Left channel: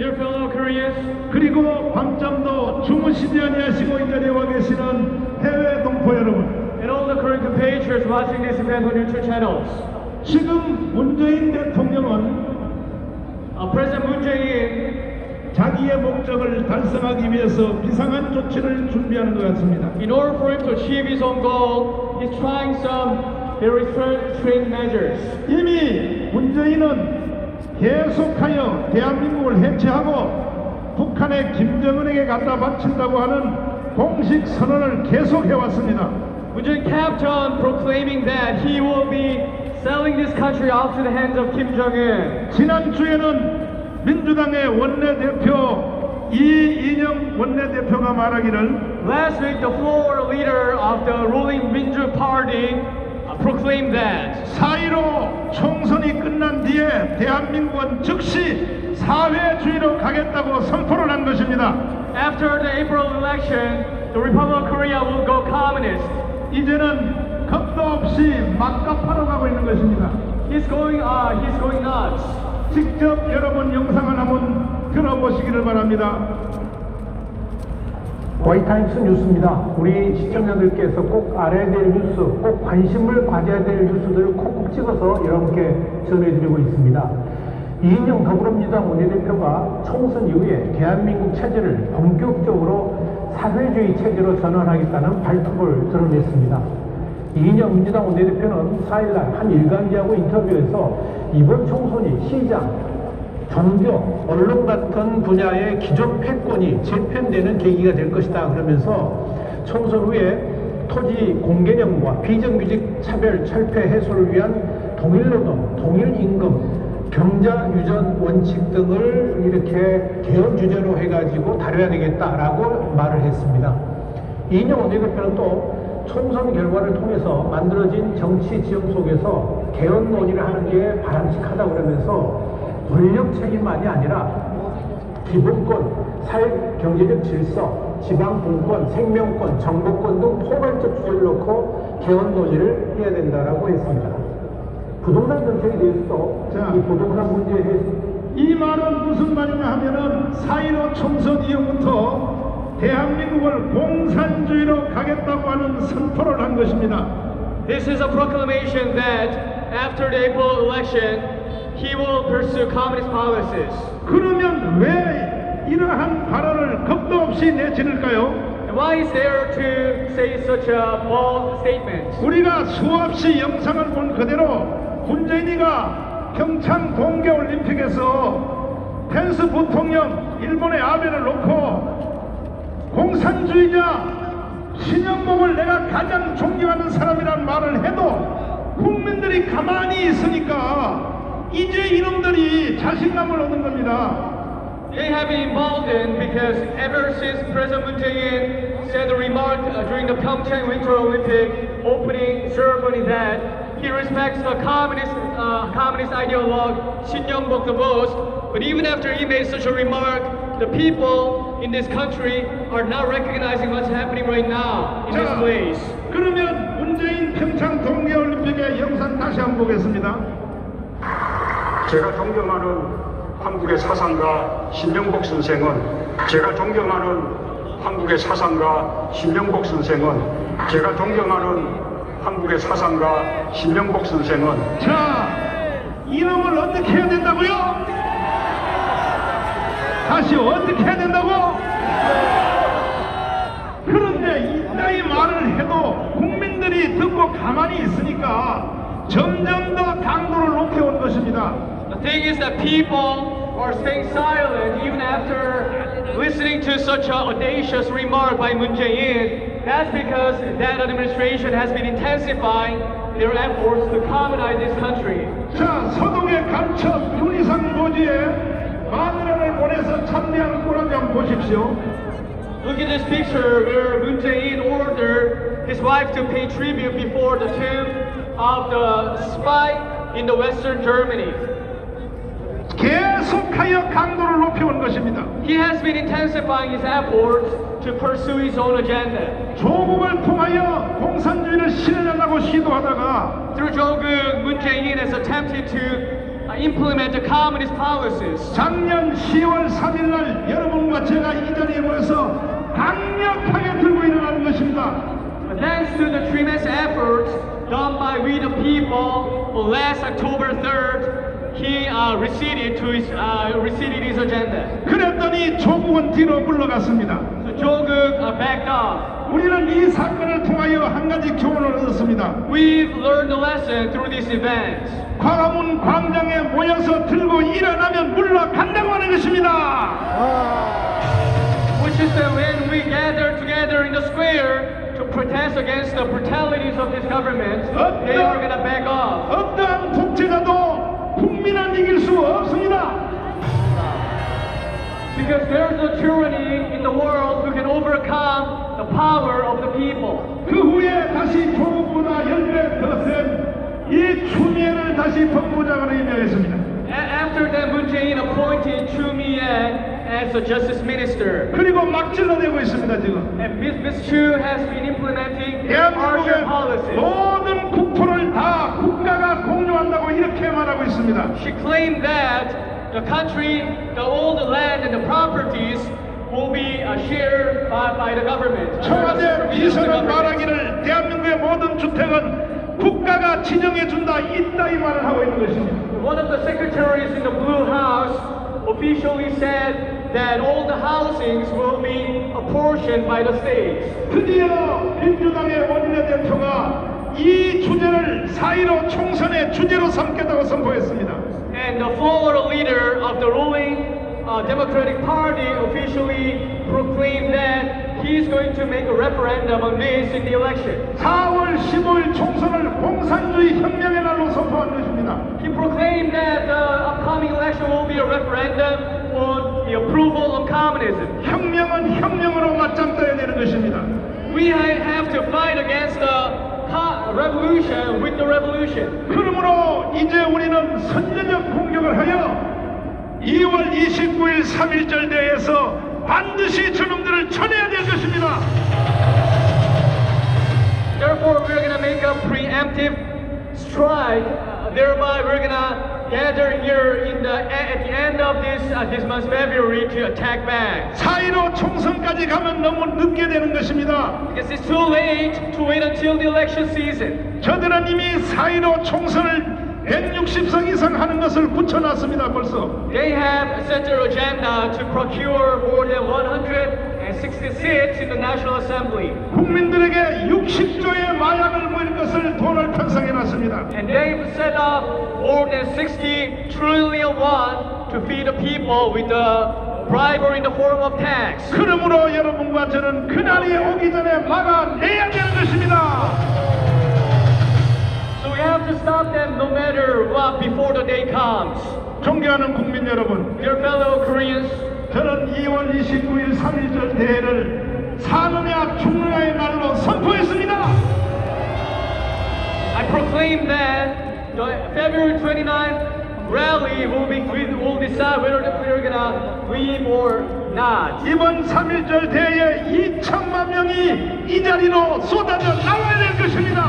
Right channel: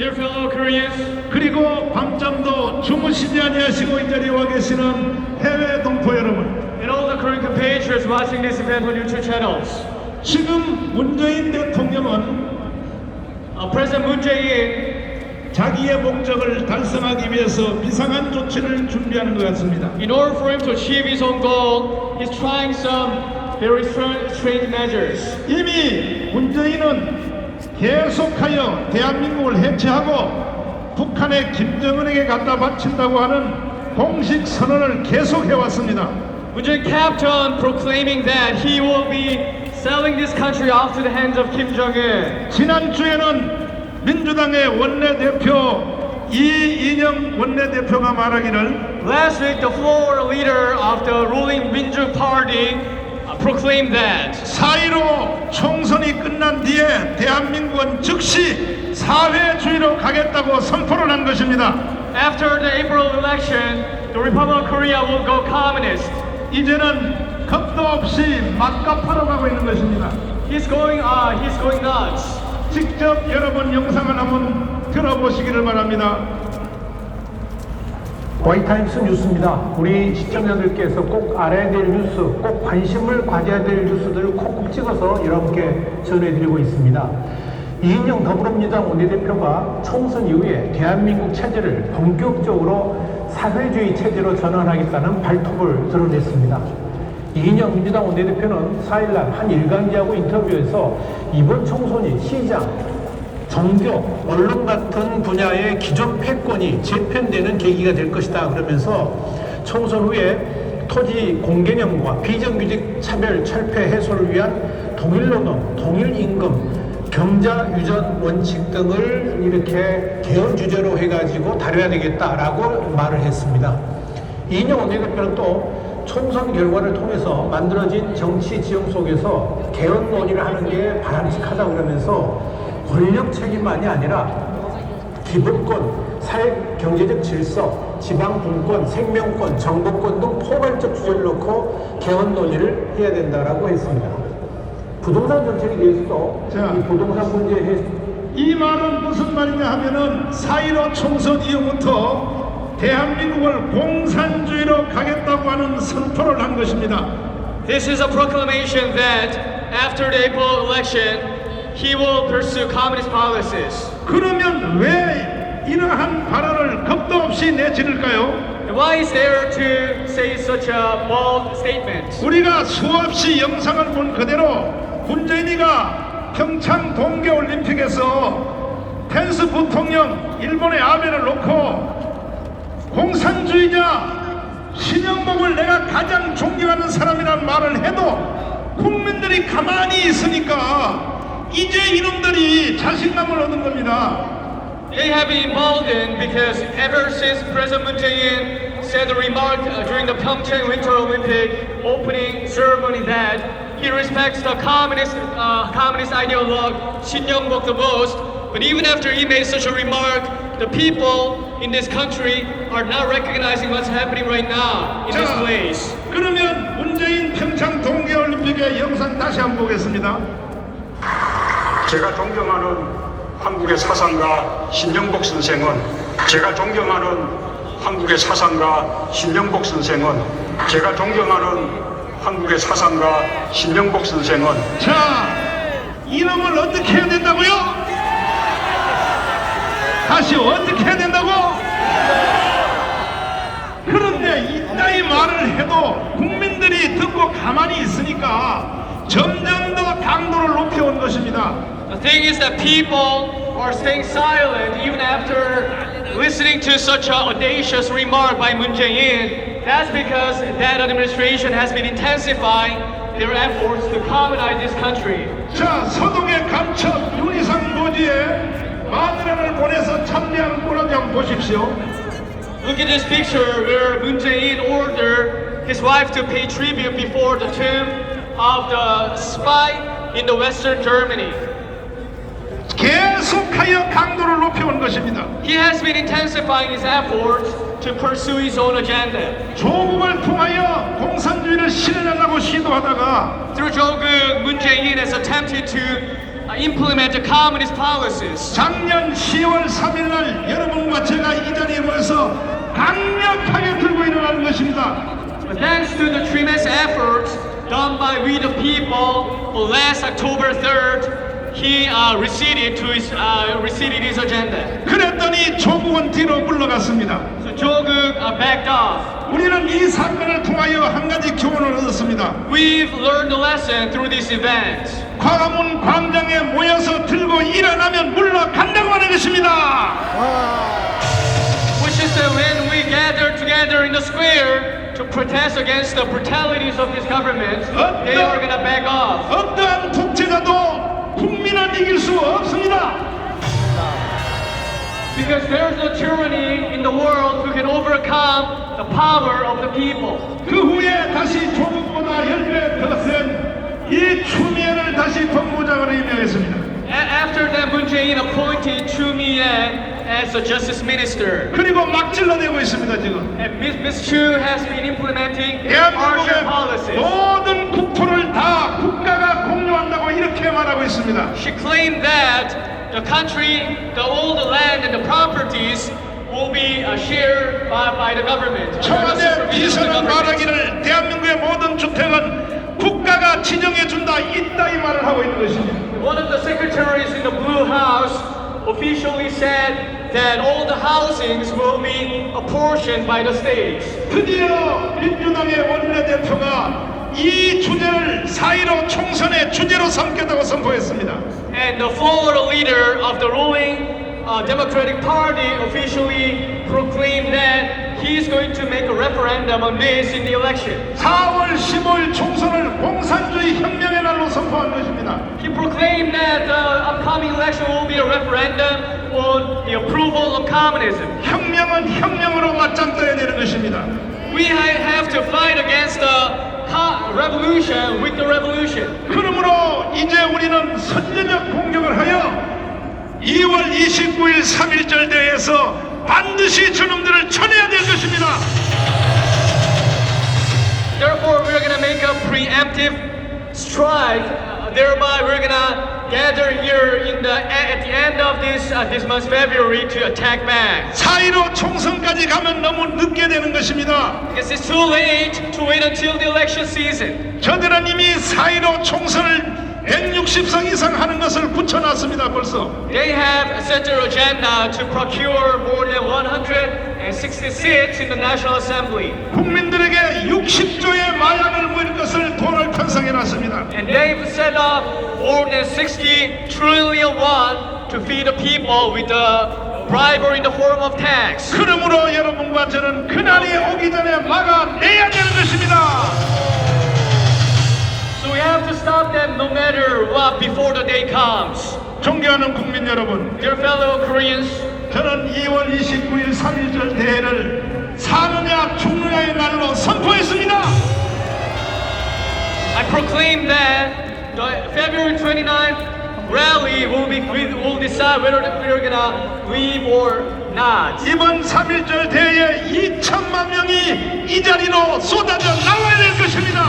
Dear fellow Koreans, 그리고 밤잠도 주무시지 아니하시고 이 자리에 와 계시는 해외 동포 여러분, and all the Korean compatriots watching this event on YouTube channels. 지금 문재인 대통령은 President Moon Jae-in, 자기의 목적을 달성하기 위해서 비상한 조치를 준비하는 것 같습니다. in order for him to achieve his own goal, he's trying some very strange measures. 이미 문재인은 계속하여 대한민국을 해체하고 북한의 김정은에게 갖다 바친다고 하는 공식 선언을 계속해 왔습니다. Moon Jae-in kept on proclaiming that he will be selling this country off to the hands of Kim Jong-un. 지난주에는 민주당의 원내대표 이인영 원내대표가 말하기를 Last week, the floor leader of the ruling Minju Party proclaimed that 4.15 총선이 끝난 뒤에 대한민국은 즉시 사회주의로 가겠다고 선포를 한 것입니다. after the April election, the Republic of Korea will go communist. 이제는 겁도 없이 막가파로 가고 있는 것입니다. He's going nuts. 직접 여러분 영상을 한번 들어보시기를 바랍니다. 화이트타임스 뉴스입니다. 우리 시청자들께서 꼭 알아야 될 뉴스, 꼭 관심을 가져야 될 뉴스들을 콕콕 찍어서 여러분께 전해드리고 있습니다. 이인영 더불어민주당 원내대표가 총선 이후에 대한민국 체제를 본격적으로 사회주의 체제로 전환하겠다는 발톱을 드러냈습니다. 이인영 민주당 원내대표는 4일날 한 일간지하고 인터뷰에서 이번 총선이 시장, 종교, 언론 같은 분야의 기존 패권이 재편되는 계기가 될 것이다 그러면서 총선 후에 토지 공개념과 비정규직 차별 철폐 해소를 위한 동일노동, 동일임금, 경자 유전 원칙 등을 이렇게 개헌 주제로 해가지고 다뤄야 되겠다라고 말을 했습니다. 이인영 원내대표는 또 총선 결과를 통해서 만들어진 정치 지형 속에서 개헌 논의를 하는 게 바람직하다 그러면서 권력 책임만이 아니라 기본권, 사회 경제적 질서, 지방 분권, 생명권, 정보권 등 포괄적 주제를 놓고 개헌 논의를 해야 된다라고 했습니다. 부동산 정책에 대해서도 이 부동산 문제에 대해서 이 말은 무슨 말이냐 하면은 4.15 총선 이후부터 대한민국을 공산주의로 가겠다고 하는 선포를 한 것입니다. This is a proclamation that after the April election, he will pursue communist policies. 그러면 왜 이러한 발언을 겁도 없이 내지를까요? And why is there to say such a bold statement? 우리가 수없이 영상을 본 그대로 문재인이가 평창 동계올림픽에서 펜스 부통령 일본의 아베를 놓고 공산주의자 신영복을 내가 가장 존경하는 사람이라는 말을 해도 국민들이 가만히 있으니까 이제 이놈들이 자신감을 얻은 겁니다. They have been emboldened because ever since President Moon Jae-in said a remark during the Pyeongchang Winter Olympic opening ceremony that he respects the communist ideologue Shin Young-bok the most, but even after he made such a remark, the people in this country are not recognizing what's happening right now in this place. 그러면 문재인 평창 동계올림픽의 영상 다시 한번 보겠습니다. 제가 존경하는 한국의 사상가 신영복 선생은 제가 존경하는 한국의 사상가 신영복 선생은 제가 존경하는 한국의 사상가 신영복 선생은 자, 이놈을 어떻게 해야 된다고요? 다시 어떻게 해야 된다고? 그런데 이따위 말을 해도 국민들이 듣고 가만히 있으니까 점점 더 강도를 높여온 것입니다. The thing is that people are staying silent even after listening to such an audacious remark by Moon Jae-in. That's because that administration has been intensifying their efforts to communize this country. 자, 서동의 감천 윤희상 부지에 마늘을 보내서 참여한 꼴을 한번 보십시오. Look at this picture where Moon Jae-in ordered his wife to pay tribute before the tomb of the spy in the Western Germany. 계속하여 강도를 높여온 것입니다. He has been intensifying his efforts to pursue his own agenda. 조국을 통하여 공산주의를 실현하려고 시도하다가 Through Jong-un, Moon Jae-in has attempted to implement the communist policies. 작년 10월 3일 날 여러분과 제가 이 자리에 모여서 강력하게 들고 일어나는 것입니다. But thanks to the tremendous efforts done by we the people, last October 3rd, he receded his agenda. 그랬더니 조국은 뒤로 물러갔습니다. So Joguk backed off. 우리는 이 사건을 통하여 한 가지 교훈을 얻었습니다. We've learned a lesson through these events, 광화문 광장에 모여서 들고 일어나면 물러간다고 하는 것입니다. which is that when we gather together in the square to protest against the brutalities of this government, they are going to back off. 어떠한 독재자도 국민을 이길 수 없습니다. Because there is a tyranny in the world who can overcome the power of the people. 그 후에 다시 조국보다 10배 더 센 이 추미애를 다시 법무장관에 임명했습니다. After that, Moon Jae-in appointed Choo Mi-ae as the justice minister. 그리고 막 찔러내고 있습니다 지금. And Ms. Chu has been implementing harsher 대한민국의 policies. 모든 국토를 다 국가가 공유한다고 이렇게 말하고 있습니다. She claimed that the country, all the land and the properties will be shared by the government. 청와대 비서는 말하기를 대한민국의 모든 주택은 국가가 진영해준다 있다 이 말을 하고 있는 것입니다. One of the secretaries in the Blue House officially said that all the housings will be apportioned by the states. 드디어 민주당의 원내대표가 이 주제를 4.15 총선의 주제로 삼겠다고 선포했습니다. And the Florida leader of the ruling Democratic Party officially proclaimed that he's going to make a referendum on this in the election. 4월 15일 총선을 공산주의 혁명의 날로 선포한 것입니다. He proclaimed that the upcoming election will be a referendum on the approval of communism. 혁명은 혁명으로 맞짱떠야 되는 것입니다. We have to fight against the revolution with the revolution. 그러므로 이제 우리는 선제적 공격을 하여 2월 29일 3.1절 대회에서 반드시 저놈들을 쳐내야 될 것입니다. Therefore, we're going to make a preemptive strike. Thereby, we're going to gather here at the end of this month, February, to attack back. 4.15 총선까지 가면 너무 늦게 되는 것입니다. Because it's too late to wait until the election season. 저들은 이미 4.15 총선을 160석 이상 하는 것을 붙여놨습니다. 벌써. They have set their agenda to procure more than 160 seats in the National Assembly. 국민들에게 60조의 마약을 모일 것을 돈을 편성해놨습니다. And they've set up more than 60 trillion won to feed the people with the bribery in the form of tax. 그러므로 여러분과 저는 그날이 오기 전에 막아내야 되는 것입니다. So we have to stop them no matter what before the day comes. 존경하는 국민 여러분, Dear fellow Koreans, 저는 2월 29일 3.1절 대회를 사느냐 죽느냐의 날로 선포했습니다. I proclaim that the February 29th rally will decide whether we're gonna leave or not. 이번 3.1절 대회에 2천만 명이 이 자리로 쏟아져 나와야 될 것입니다.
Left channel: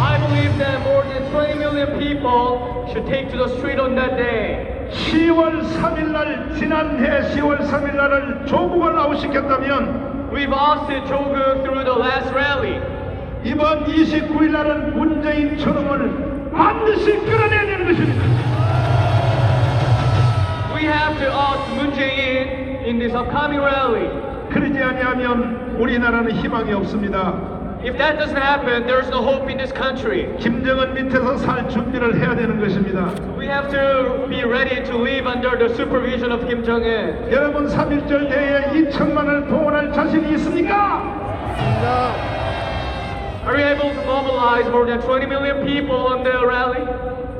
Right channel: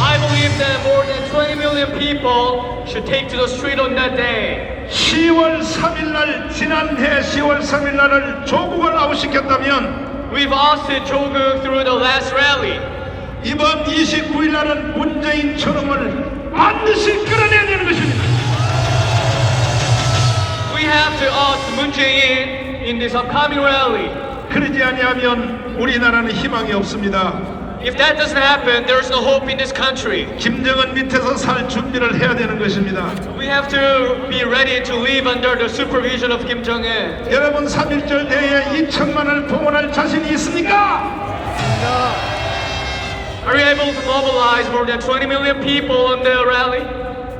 I believe that more than 20 million people should take to the street on that day. 10월 3일 날 지난해 10월 3일 날을 조국을 아웃시켰다면 We've ousted Joguk through the last rally. 이번 29일 날은 문재인 처럼을 반드시 끌어내야 되는 것입니다. We have to oust Moon Jae-in in this upcoming rally. 그러지 아니하면 우리나라는 희망이 없습니다. If that doesn't happen, there's no hope in this country. 김정은 밑에서 살 준비를 해야 되는 것입니다. We have to be ready to live under the supervision of Kim Jong-un. 여러분 3.1절 대회에 2천만을 동원할 자신이 있습니까? Are you able to mobilize more than 20 million people on the rally?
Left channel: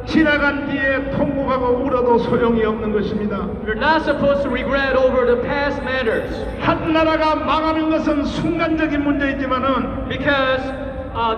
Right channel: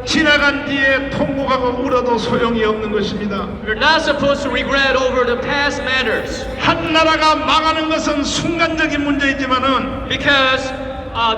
지나간 뒤에 통곡하고 울어도 소용이 없는 것입니다. You're not supposed to regret over the past matters. 한 나라가 망하는 것은 순간적인 문제이지만은 Because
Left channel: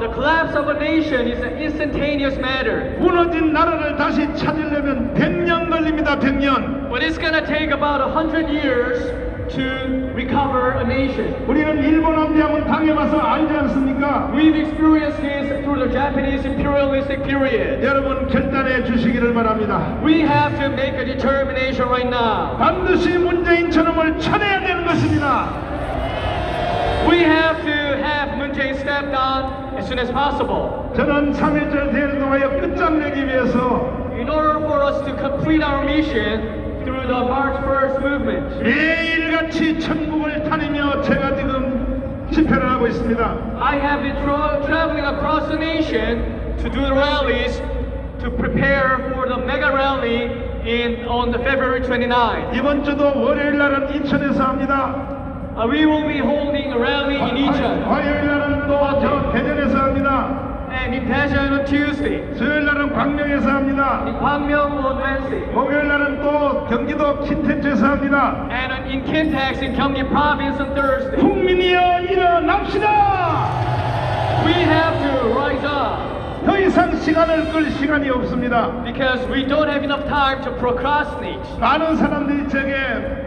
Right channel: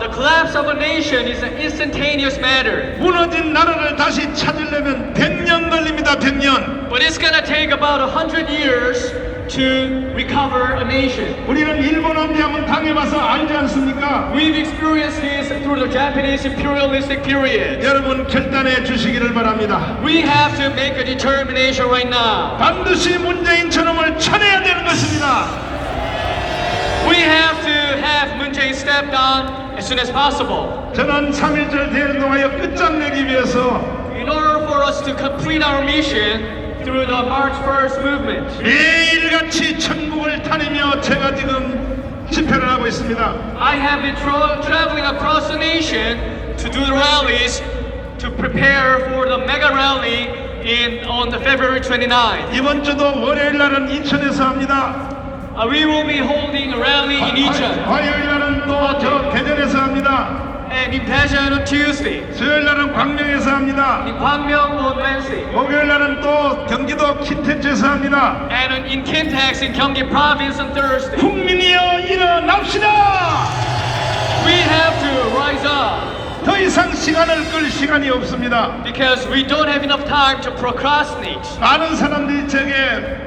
the collapse of a nation is an instantaneous matter. 무너진 나라를 다시 찾으려면 100년 걸립니다. 100년. But it's gonna take about 100 years to recover a nation. 우리는 일본 함대함을 당해봐서 알지 않습니까? We've experienced this through the Japanese imperialistic period. 여러분 결단해 주시기를 바랍니다. We have to make a determination right now. 반드시 문재인처럼을 쳐내야 되는 것입니다. We have to have Moon Jae-in step down as soon as possible. 저는 3.1절 대운동하여 끝장내기 위해서 In order for us to complete our mission through the March 1st movement, 매일같이 천국을 다니며 제가 지금 집회를 하고 있습니다. I have been traveling across the nation to do the rallies to prepare for the mega rally on the February 29th. 이번 주도 월요일 날은 이천에서 합니다. We will be holding a rally in Incheon 화요일 날은 또 저 대전에서 합니다. and in Daejeon on Tuesday, 수요일 날은 광명에서 합니다. in Gwangmyeong on Wednesday, 목요일 날은 또 경기도 킨텐츠에서 합니다. and in Kintex in Gyeonggi Province on Thursday. 국민이여 일어납시다. We have to rise up 더 이상 시간을 끌 시간이 없습니다. because we don't have enough time to procrastinate. 많은 사람들이 제게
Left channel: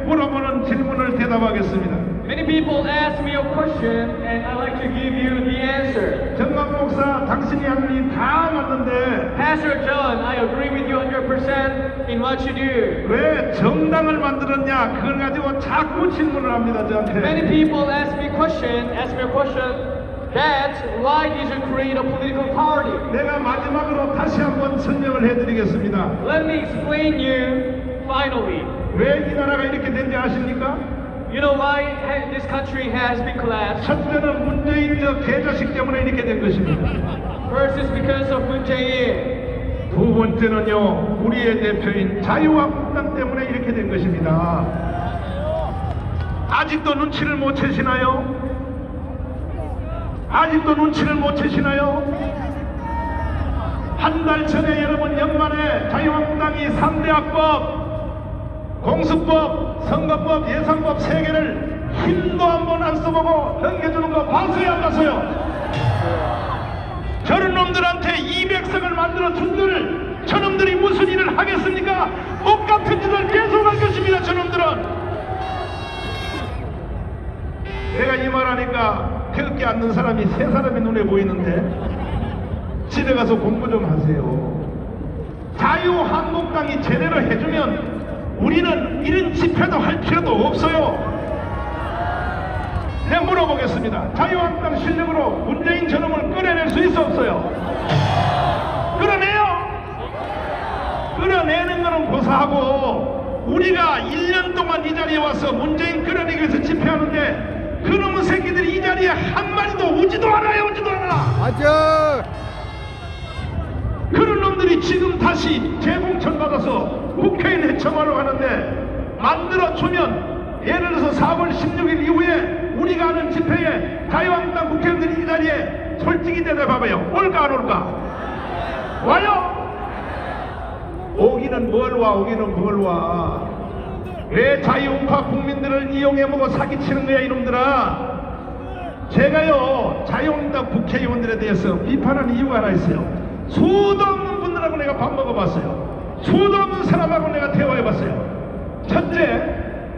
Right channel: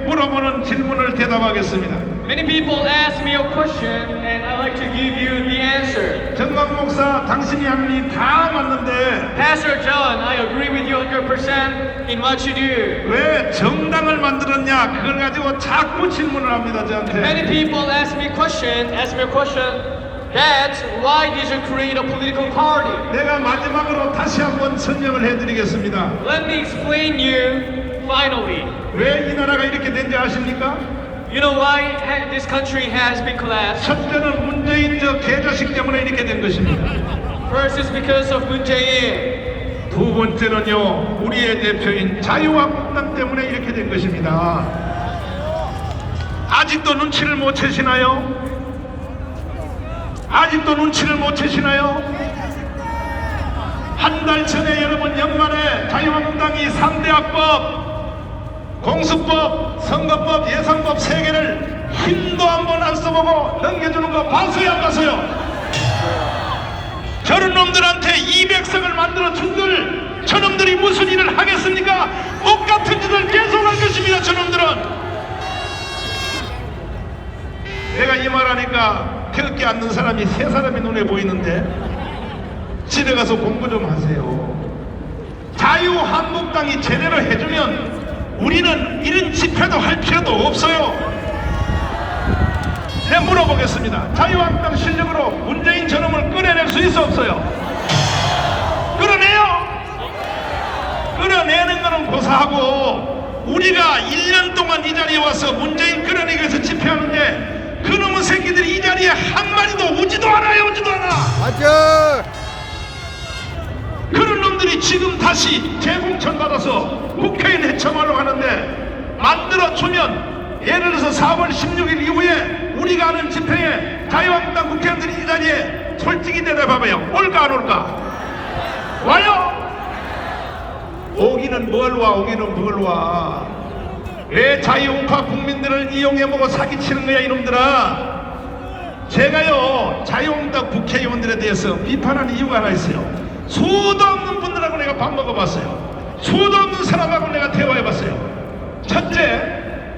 물어보는 질문을 대답하겠습니다. Many people ask me a question and I like to give you the answer. 정광 목사 당신이 하는 일 다 맞는데 Pastor John, I agree with you 100% in what you do. 왜 정당을 만들었냐 그걸 가지고 자꾸 질문을 합니다. Many 저한테. people ask me a question, that why did you create a political party? 내가 마지막으로 다시 한번 설명을 해드리겠습니다. Let me explain you finally. 왜 이 나라가 이렇게 된지 아십니까? You know why this country has been collapsed? 첫째는 문재인 저 개자식 때문에 이렇게 된 것입니다. First is because of Moon Jae-in. 두 번째는요 우리의 대표인 자유한국당 때문에 이렇게 된 것입니다. 아직도 눈치를 못 채시나요? 아직도 눈치를 못 채시나요? 한 달 전에 여러분 연말에 자유한국당이 3대 합법, 공수법, 선거법, 예산법 3개를 힘도 한번 안 써보고 넘겨주는 거 봐서요 봐서요. 저런 놈들한테 200석을 만들어 준들 저놈들이 무슨 일을 하겠습니까? 똑같은 짓을 계속 할 것입니다. 저놈들은. 내가 이 말하니까 태극기 앉는 사람이 3사람이 눈에 보이는데 집에 가서 공부 좀 하세요. 자유한국당이 제대로 해주면 우리는 이런 집회도 할 필요도 없어요. 내가 물어보겠습니다. 자유한국당 실력으로 문재인 저놈을 끌어낼 수 있어 없어요? 끌어내요. 끌어내는 거는 고사하고 우리가 1년 동안 이 자리에 와서 문재인 끌어내기 위해서 집회하는데 그놈의 새끼들이 이 자리에 한 마리도 오지도 않아요. 오지도 않아. 맞아. 그런 놈들이 지금 다시 재공천 받아서 국회의원 해청하러 가는데 만들어주면 예를 들어서 4월 16일 이후에 우리가 하는 집회에 자유한국당 국회의원들이 이 자리에 솔직히 대답해봐요. 올까 안 올까? 와요? 오기는 뭘 와? 오기는 뭘 와? 왜 자유우파 국민들을 이용해보고 사기치는 거야 이놈들아? 제가요 자유한국당 국회의원들에 대해서 비판하는 이유가 하나 있어요. 수도 없는 분들하고 내가 밥 먹어봤어요. 수도 없는 사람하고 내가 대화해봤어요. 첫째,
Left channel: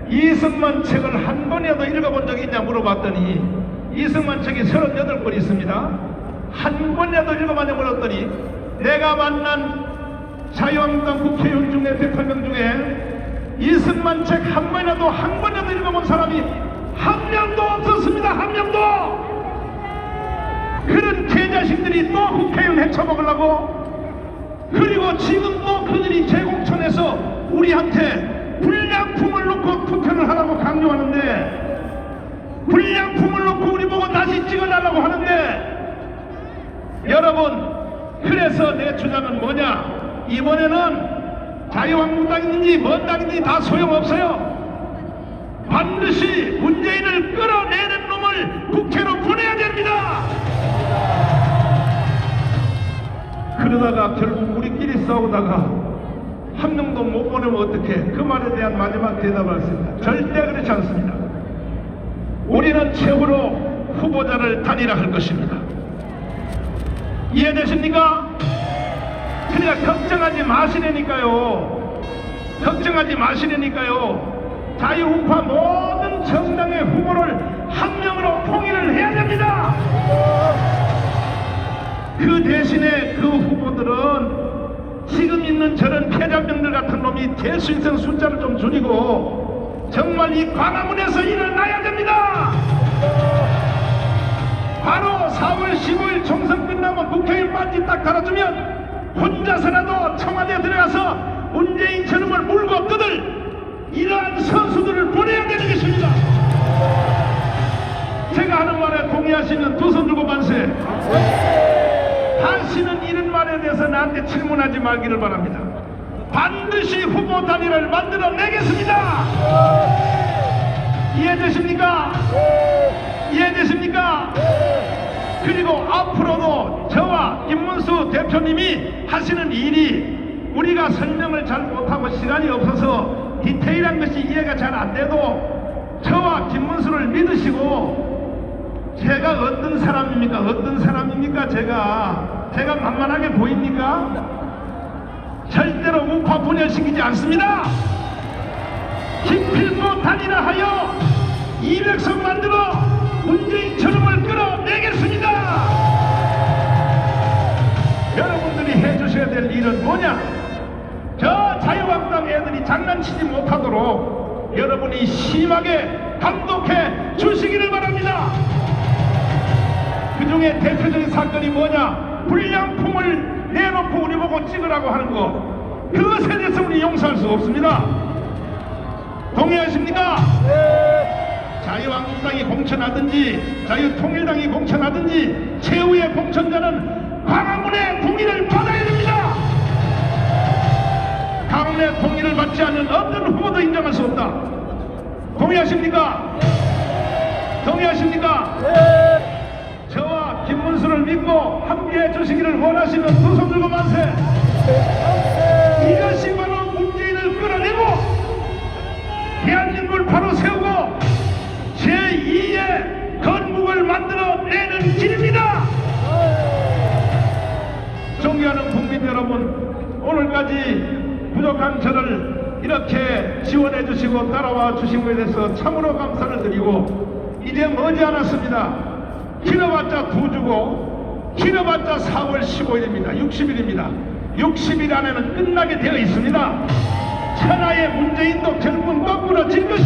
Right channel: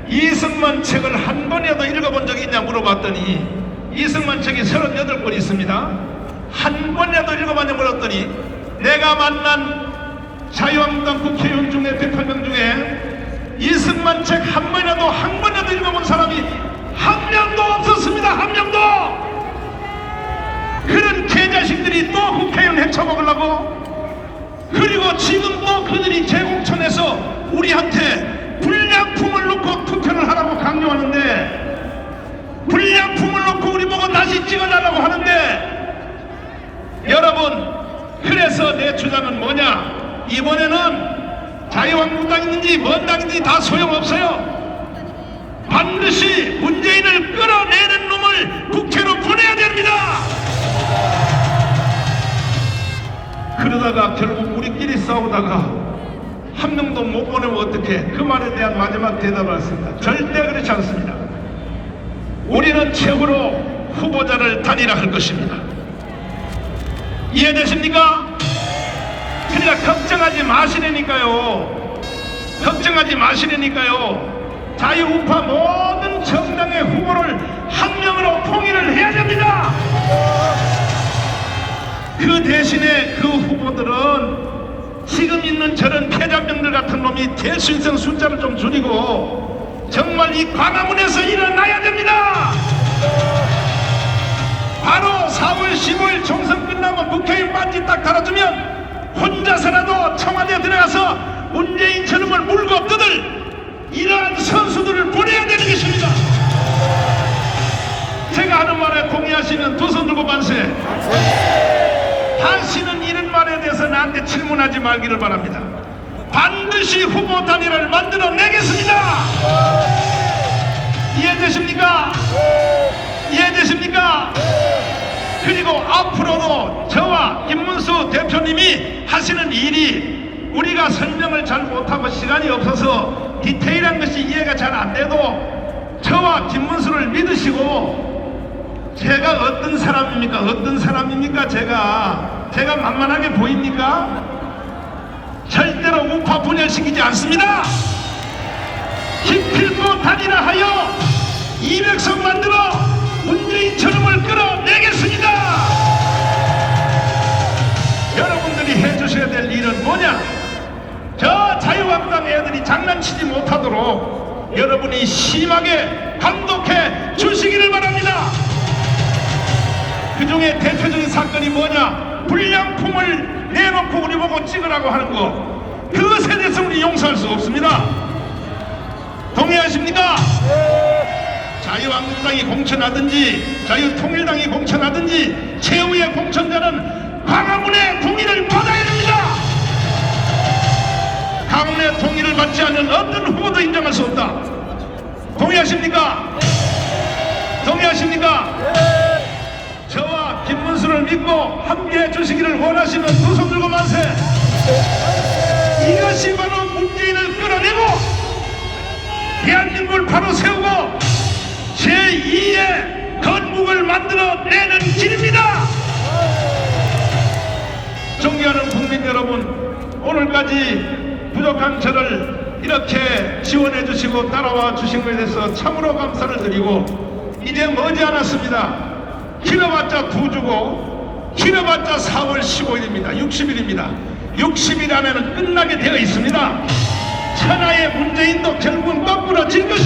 이승만 책을 한 번이라도 읽어본 적이 있냐 물어봤더니 이승만 책이 38권 있습니다. 한 번이라도 읽어봤냐 물었더니 내가 만난 자유한국당 국회의원 중에 100명 중에 이승만 책 한 번이라도 읽어본 사람이 한 명도 없었습니다. 한 명도. 그런 개자식들이 또 국회의원 헤쳐먹으려고 그리고 지금 또 그들이 재공천해서 우리한테 불량품을 놓고 투표를 하라고 강요하는데 불량품을 놓고 우리 보고 다시 찍어달라고 하는데 여러분 그래서 내 주장은 뭐냐? 이번에는 자유한국당인지 뭔 당인지 다 소용없어요. 반드시 문재인을 끌어내는 놈을 국회로 보내야 됩니다. 그러다가 결국 우리끼리 싸우다가 한 명도 못 보내면 어떡해? 그 말에 대한 마지막 대답을 했습니다. 절대 그렇지 않습니다. 우리는 최후로 후보자를 단일화할 것입니다. 이해되십니까? 그러니까 걱정하지 마시라니까요. 걱정하지 마시라니까요. 자유우파 모든 그 대신에 그 후보들은 지금 있는 저런 패자병들 같은 놈이 될 수 있는 숫자를 좀 줄이고 정말 이 광화문에서 일어나야 됩니다. 바로 4월 15일 총선 끝나고 국회의원 반지 딱 달아주면 혼자서라도 청와대에 들어가서 문재인 저놈을 물고 뜯을 이러한 선수들을 보내야 되는 것입니다. 제가 하는 말에 동의하시는 두 손 들고 만세. 다시는 이런 말에 대해서 나한테 질문하지 말기를 바랍니다. 반드시 후보 단일화를 만들어내겠습니다. 이해되십니까? 이해되십니까? 그리고 앞으로도 저와 김문수 대표님이 하시는 일이 우리가 설명을 잘 못하고 시간이 없어서 디테일한 것이 이해가 잘 안 돼도 저와 김문수를 믿으시고 제가 어떤 사람입니까? 어떤 사람입니까? 제가 만만하게 보입니까? 절대로 우파 분열시키지 않습니다. 기필코 단일화하여 200석 만들어 문재인 저놈을 끌어내겠습니다. 여러분들이 해주셔야 될 일은 뭐냐? 저 자유한국당 애들이 장난치지 못하도록 여러분이 심하게 감독해 주시기를 바랍니다. 그 중에 대표적인 사건이 뭐냐? 불량품을 내놓고 우리 보고 찍으라고 하는 거. 그것에 대해서 우리 용서할 수 없습니다. 동의하십니까? 자유한국당이 공천하든지 자유통일당이 공천하든지 최후의 공천자는 광화문의 동의를 받아야 됩니다. 광화문의 동의를 받지 않는 어떤 후보도 인정할 수 없다. 동의하십니까? 동의하십니까? 저와 김문수를 믿고 함께해 주시기를 원하시는 두 손 들고 만세. 이것이 바로 문재인을 끌어내고 대한민국을 바로 세우고 제2의 건국을 만들어내는 길입니다. 존경하는 국민 여러분, 오늘까지 부족한 저를 이렇게 지원해 주시고 따라와 주신 것에 대해서 참으로 감사를 드리고 이제 머지않았습니다. 길어봤자 2주고 길어봤자 4월 15일입니다. 60일입니다. 60일 안에는 끝나게 되어 있습니다. 천하의 문재인도 결국은 거꾸로 질 것입니다.